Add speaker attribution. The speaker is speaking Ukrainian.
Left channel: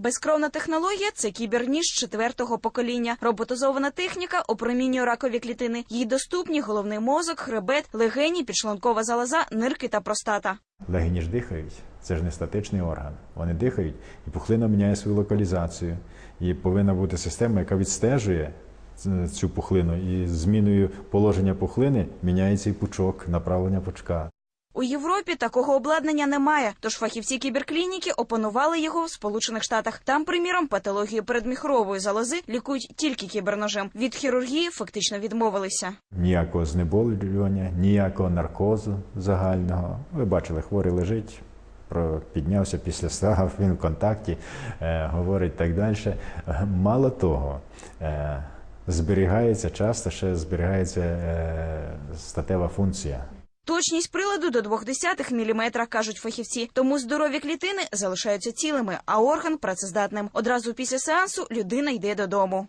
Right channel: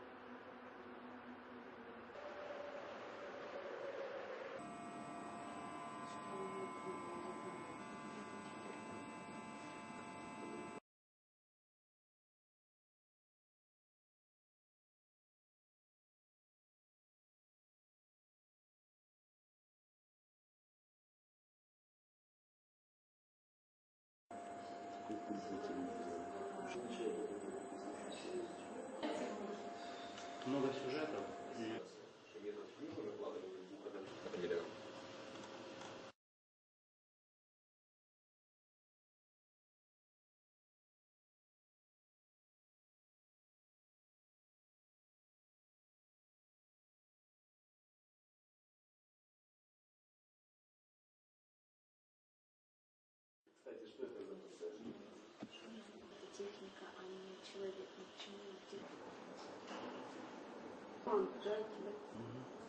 Speaker 1: Безкровна технологія це кіберніж четвертого покоління. Роботизована техніка опромінює ракові клітини. Їй доступні головний мозок, хребет, легені, підшлункова залоза, нирки та простата.
Speaker 2: Легені ж дихають. Це ж не статичний орган. Вони дихають, і пухлина міняє свою локалізацію. І повинна бути система, яка відстежує цю пухлину. І зміною положення пухлини міняється і пучок, направлення пучка.
Speaker 1: У Європі такого обладнання немає, тож фахівці кіберклініки опанували його в Сполучених Штатах. Там, приміром, патологію передміхрової залози лікують тільки кіберножем. Від хірургії фактично відмовилися.
Speaker 2: Ніякого знеболювання, ніякого наркозу загального. Ви бачили, хворий лежить. Про піднявся після став, він в контакті, е, говорить так далі. Е, Мало того, е, зберігається часто ще зберігається е, статева функція.
Speaker 1: Точність приладу до 0,2 мм, кажуть фахівці. Тому здорові клітини залишаються цілими, а орган працездатним. Одразу після сеансу людина йде додому.